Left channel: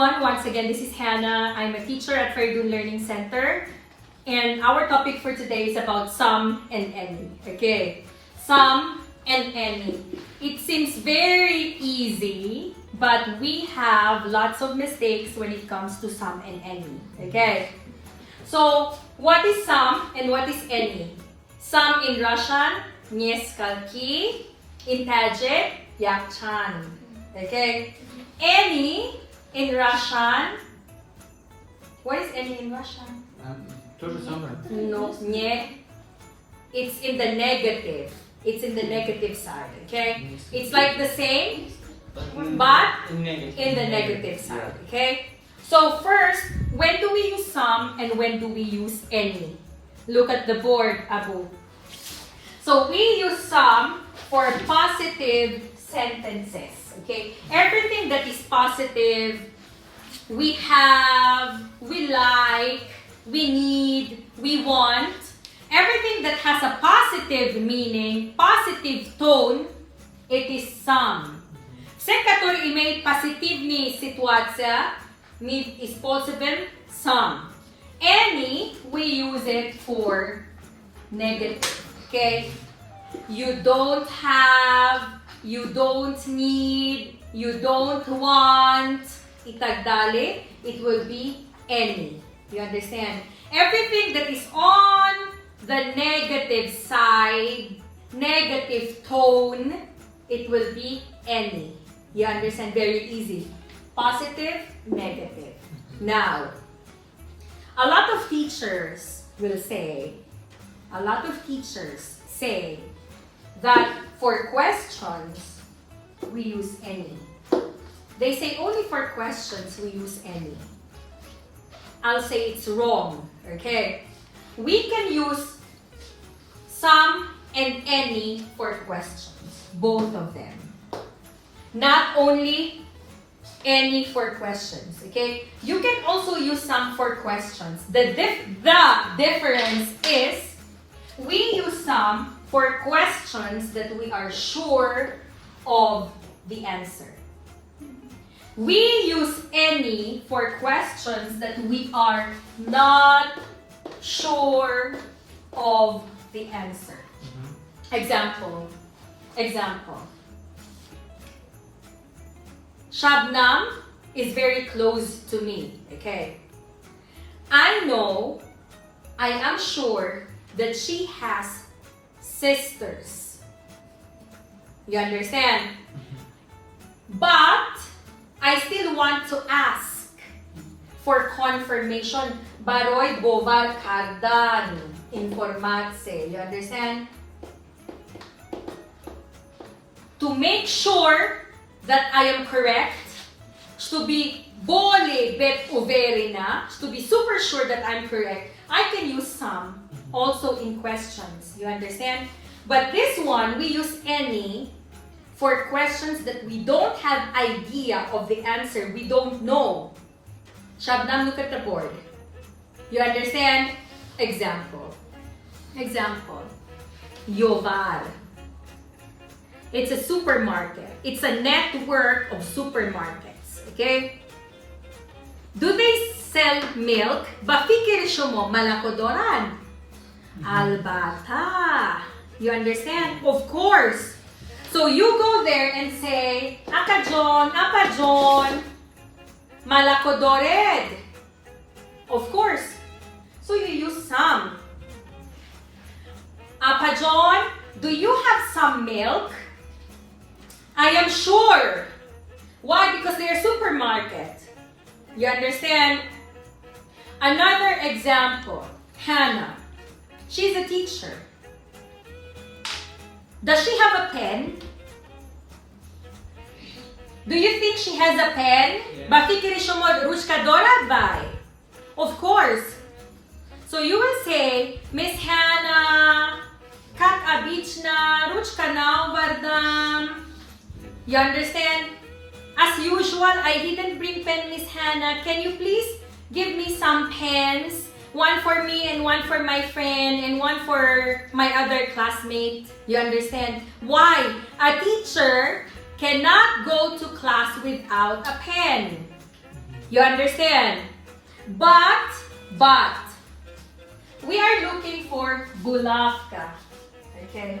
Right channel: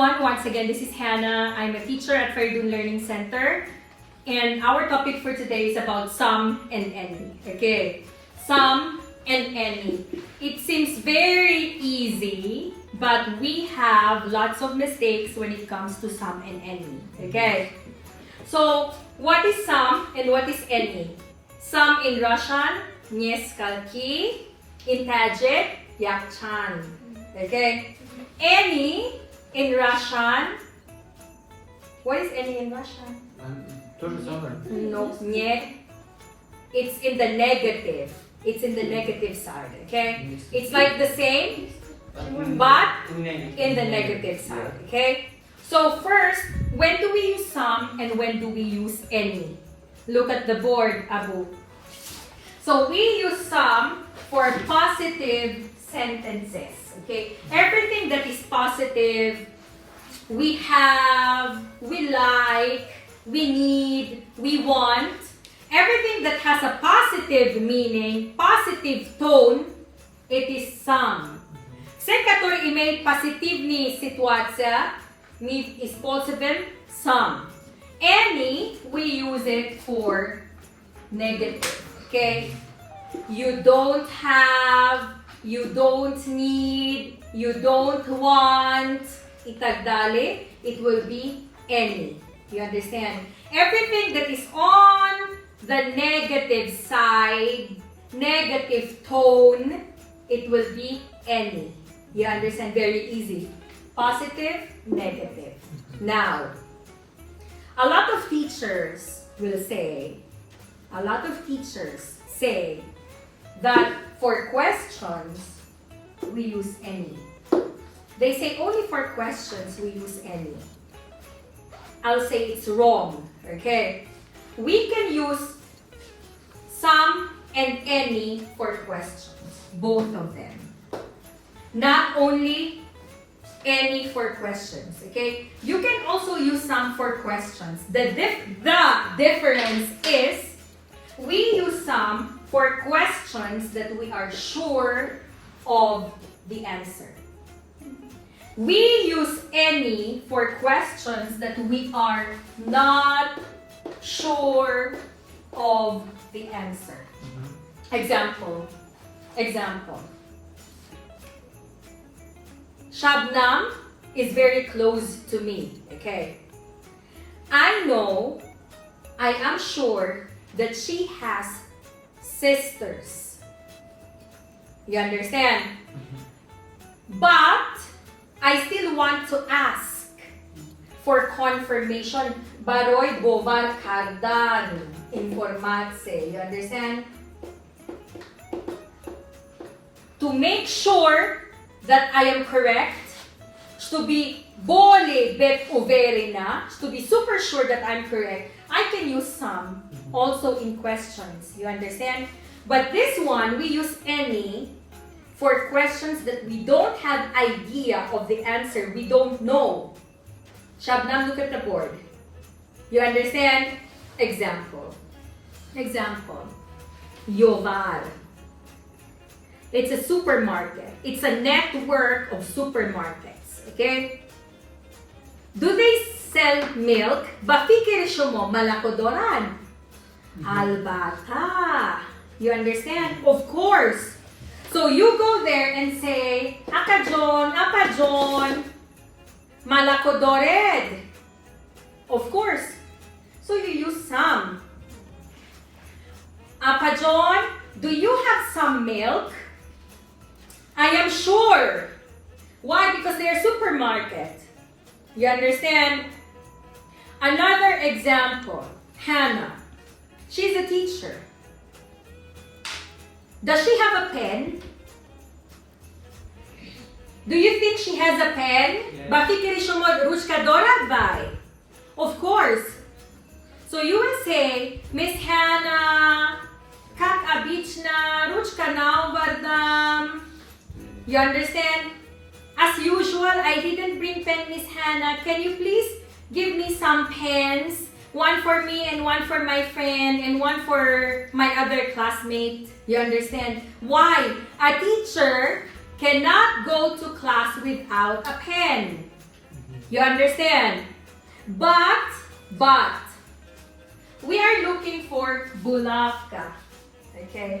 everyone, once again this is Hannah. I'm a teacher at Fairdoon Learning Center, and our topic for today is about some and any. Okay, some and any. It seems very easy, but we have lots of mistakes when it comes to some and any. Okay, so what is some and what is any? Some in Russian, несколько, in Tajik, yakchan. Okay, any in Russian. What is any in Russian? No, не. It's in the negative. It's in the negative side. Okay, it's like the same, but in the negative side. Okay. So first, when do we use some and when do we use any? Look at the board, Abu. So we use some for positive sentences. Okay, everything that is positive, we have, we like, we need, we want, everything that has a positive meaning, positive tone, it is some. Все, которые имеют позитивные ситуации, мы используем some. Any, we use it for negative. Okay, you don't have, you don't need, you don't want, itagdali, it will be any. You understand? Everything that is on the negative side, negative tone, it will be any. You understand? Very easy. Positive, negative. Now, a lot of teachers will say, that for questions, we use any. They say only for questions we use any. I'll say it's wrong, okay? We can use some and any for questions, both of them. Not only any for questions, okay? You can also use some for questions. The difference is we use some for questions that we are sure of the answer. We use any for questions that we are not sure of the answer. Example. Shabnam is very close to me, okay? I am sure that she has sisters. You understand? But I still want to ask for confirmation. Baroi bovar kardan informatse. You understand? To make sure that I am correct, to be bole bet overina, to be super sure that I'm correct, I can use some also in questions. You understand? But this one, we use any for questions that we don't have idea of the answer. We don't know. Shabnam, look at the board. You understand? Example. Yovar. It's a supermarket. It's a network of supermarkets. Okay? Do they sell milk? Bafikirisyo mo, malakodoran. Albata. You understand? Of course. So you go there and say, Akajon, malakodored. Of course. So you use some. Apajon, do you have some milk? I am sure. Why? Because they are supermarket. You understand? Another example. Hannah. She's a teacher. Does she have a pen? Do you think she has a pen? Bafikirisyo mo ruchkadora vai? Of course. So you will say, Miss Hannah, kak abichna ruchka nauvardam. You understand? As usual, I didn't bring pen, Miss Hannah. Can you please give me some pens? One for me and one for my friend and one for my other classmate. You understand? Why? A teacher cannot go to class without a pen. You understand? But, we are looking for bulavka. Okay?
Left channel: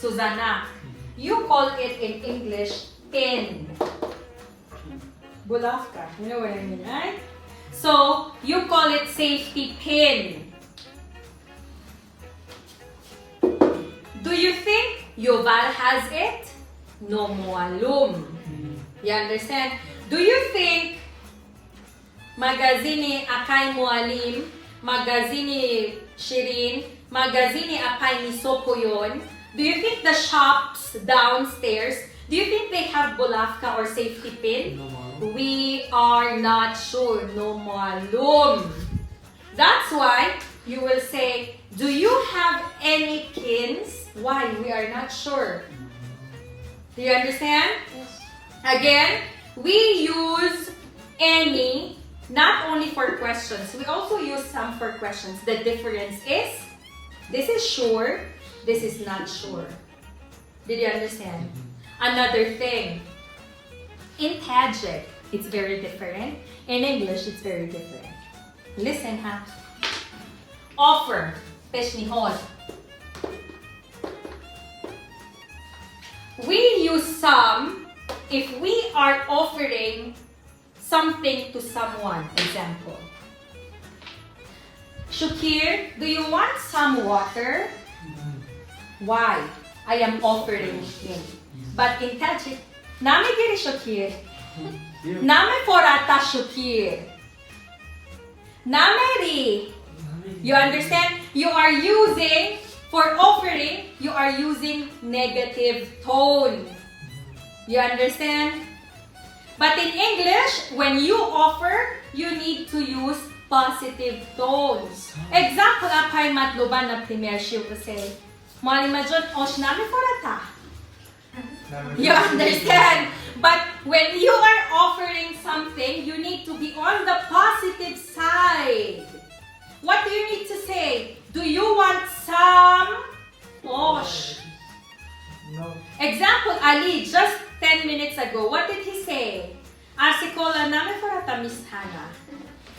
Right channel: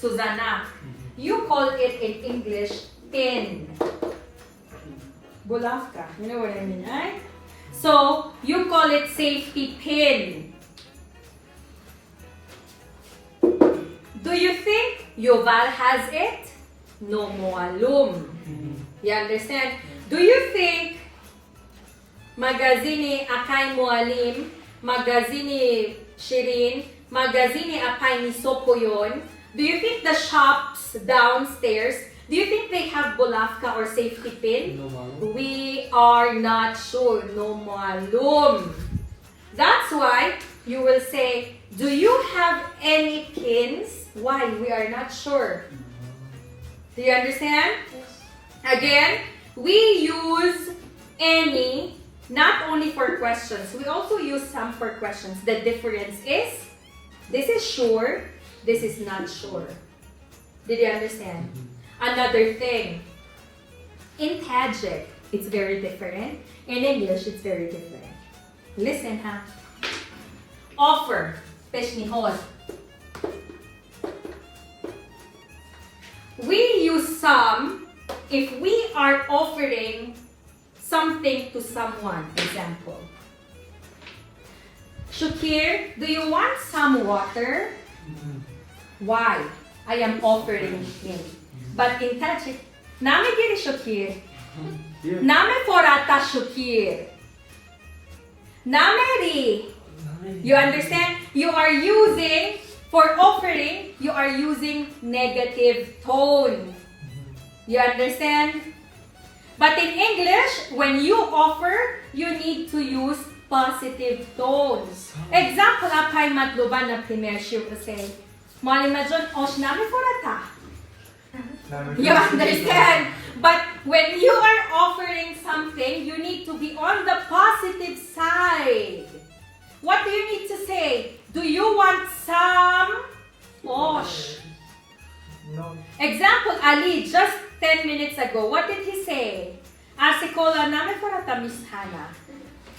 Suzanak. You call it in English pin. Bulavka. You know what I mean, right? So, you call it safety pin. Do you think Yuval has it? No mo alum. You understand? Do you think magazini akay mualim, magazini Shirin, magazini akay Nisopo yon? Do you think the shops downstairs, do you think they have bulavka or safety pin? No, We are not sure. No mo alum. That's why you will say, do you have any pins? Why? We are not sure. Do you understand? Yes. Again, we use any not only for questions, we also use some for questions. The difference is, this is sure, this is not sure. Did you understand? Another thing, in Tajik, it's very different. In English, it's very different. Listen, ha. Offer, peshnihod. We use some if we are offering something to someone. Example. Shukir, do you want some water? Why? I am offering him. But in Tajik, name giri Shukir. Name forata Shukir. Name ri. You understand? You are using, for offering, you are using negative tone. You understand? But in English, when you offer, you need to use positive tones. Example, apay matluban na primer siya ko say, Mali majon, osh nami forata. You understand? But when you are offering something, you need to be on the positive side. What do you need to say? Do you want some? Osh. No. Example, Ali, just 10 minutes ago, what did he say? Asikola na me forata Miss Hannah.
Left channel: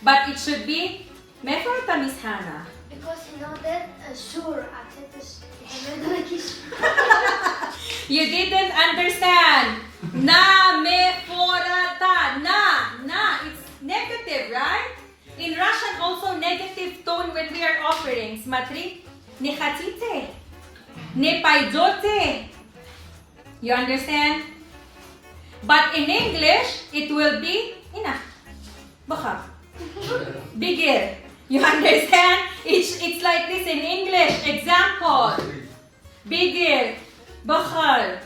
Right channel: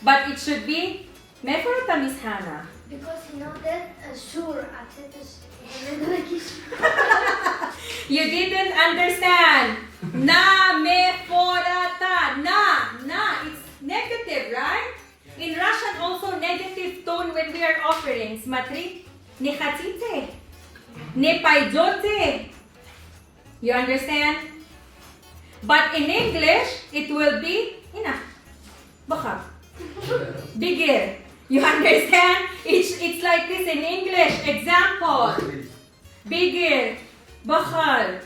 But it should be me forata Miss Hannah. Because you know that sure after this. You didn't understand. Na me forata. Na. It's negative, right? In Russian, also negative tone when we are offering. Смотри, не хотите, не пойдете. You understand? But in English, it will be ina, baka, bigger. You understand? It's like this in English. Example, bigger, bakal.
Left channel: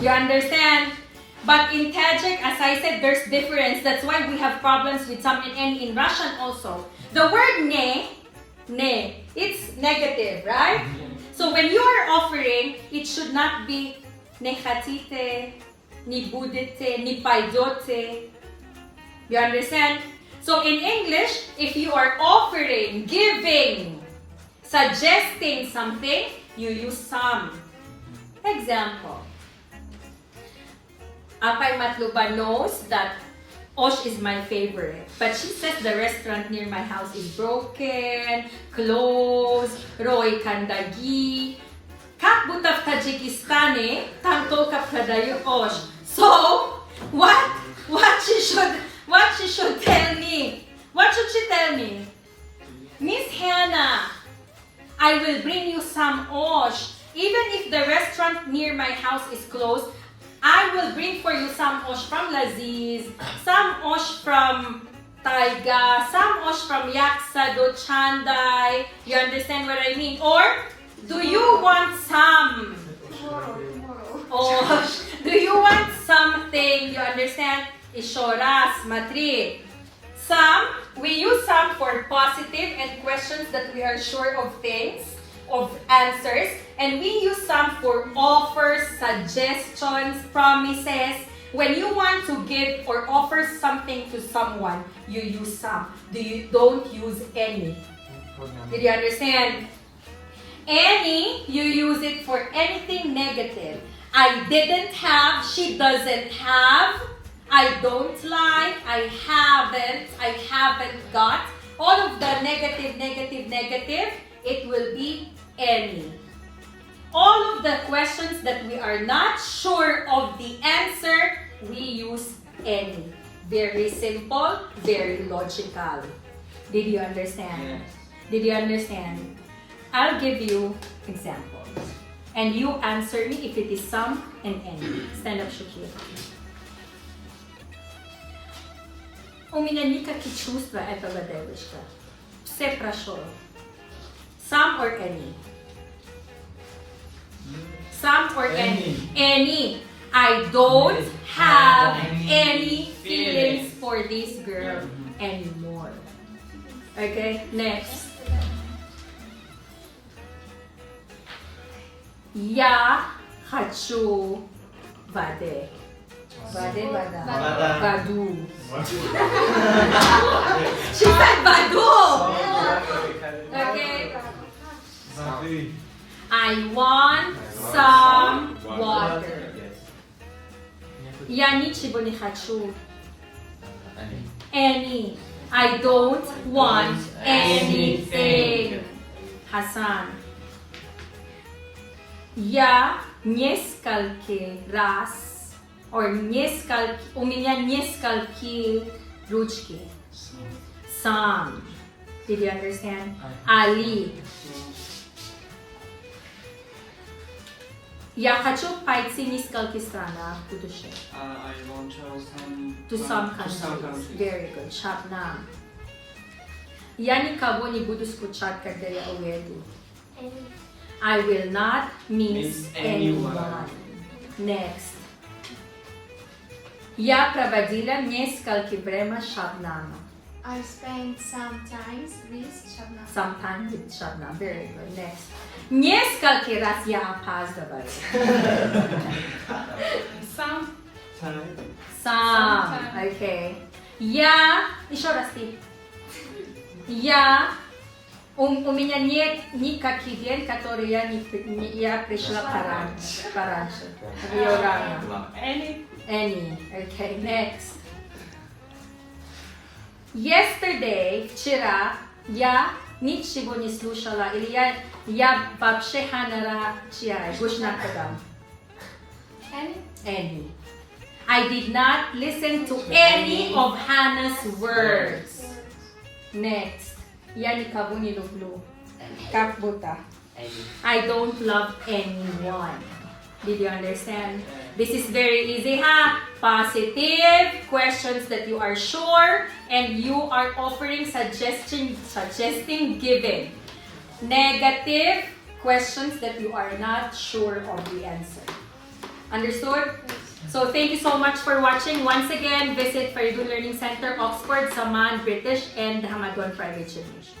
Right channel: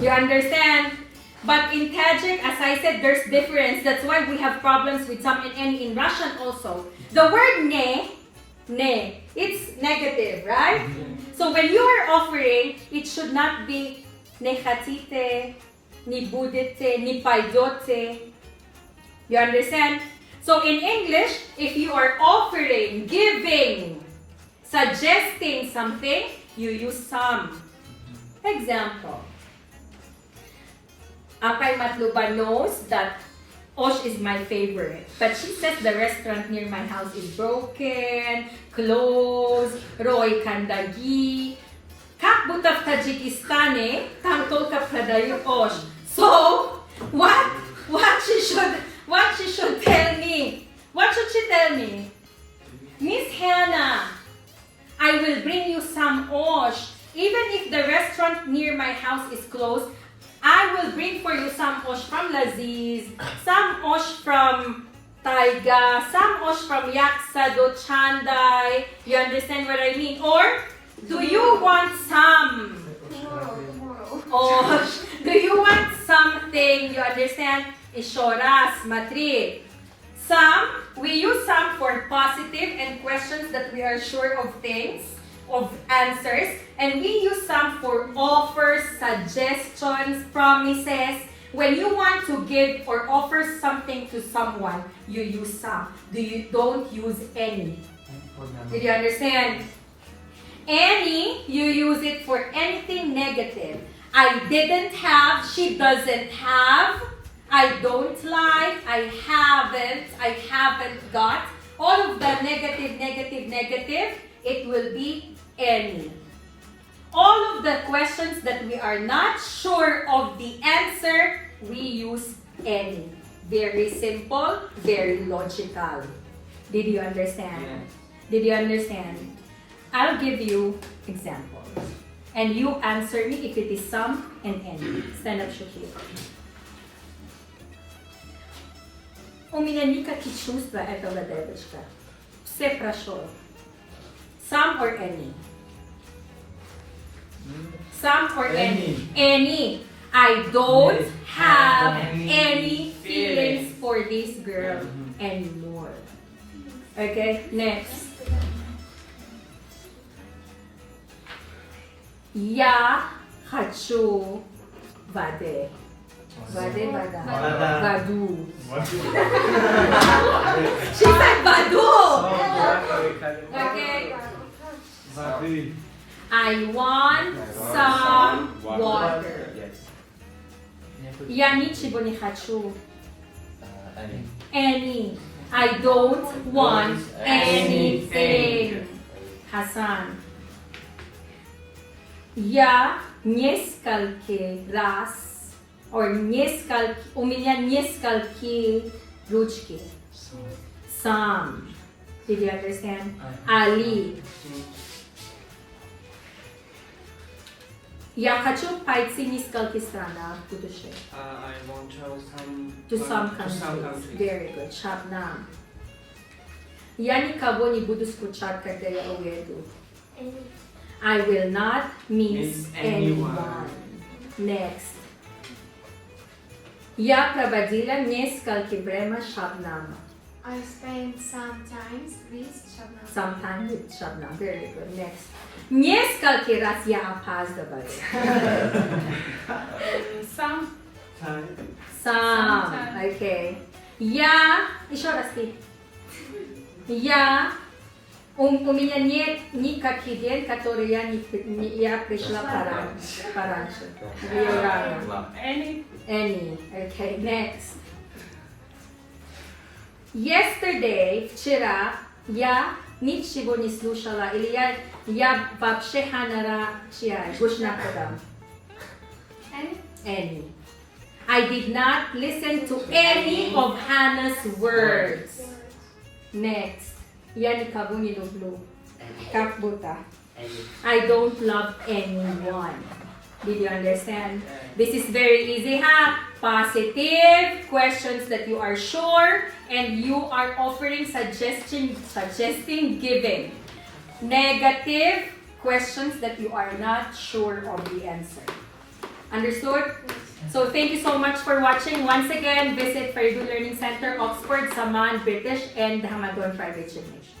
You understand? But in Tajik, as I said, there's difference. That's why we have problems with some and in Russian also. The word ne, it's negative, right? So when you are offering, it should not be ne khatite, ni budete, ni paidote. You understand? So in English, if you are offering, giving, suggesting something, you use some. Example. Apay Matluba knows that Osh is my favorite. But she says the restaurant near my house is broken, closed, Roy Kandagi. Kak butaf Tajikistani, tangtol kap kadayu Osh. So, what she should tell me? What should she tell me? Miss Hannah, I will bring you some Osh. Even if the restaurant near my house is closed, I will bring for you some Osh from Laziz, some Osh from Taiga, some Osh from Yaksado, Chanday. You understand what I mean? Or, do you want some Osh? Do you want something? You understand? Ishoras, matri. Some, we use some for positive and questions that we are sure of things, of answers. And we use some for offers, suggestions, promises. When you want to give or offer something to someone, you use some. Don't use any. Did you understand? Any, you use it for anything negative. I didn't have, she doesn't have. I don't like, I haven't got. All of the negative, it will be any. All of the questions that we are not sure of the answer, we use any. Very simple, very logical. Did you understand? Yes. Did you understand? I'll give you examples. And you answer me if it is some and any. Stand up, Shuki. У меня никаких чувств этого девочка. Все прошло. Some or any? Some or any? Any. I don't have any feelings for this girl anymore. Okay, next. Я хочу воды. Вода. Воду. She said воду. Okay. I want some water. Я ничего не хочу. Any. I don't want anything. Hassan. Я несколько раз, у меня несколько ручки. Some. Did you understand? Ali. Я хочу пойти в несколько странах в будущем. I want To some countries. Very good. Shabnam. Я никого не буду скучать, когда я уеду. I will not miss anyone. Next. Я проводила несколько время с Shabnam. I spent some time with Shabnam. Sometime with Shabnam. Very good. Next. Несколько раз я опаздываю. Some. Okay. Я... Еще раз ты. У меня нет никаких дел, которые я пришла пораньше. Any. Okay, next. Yesterday, вчера, я ничего не слушала, или я вообще ханара чай, гушна кадам. Any. I did not listen to any of Hannah's words. Next. Я никого не люблю. Как будто. I don't love anyone. Did you understand? This is very easy, huh? Positive questions that you are sure and you are offering suggesting giving. Negative questions that you are not sure of the answer. Understood? So thank you so much for watching. Once again, visit Faridun Learning Center, Oxford, Saman, British, and Hamagon Private University.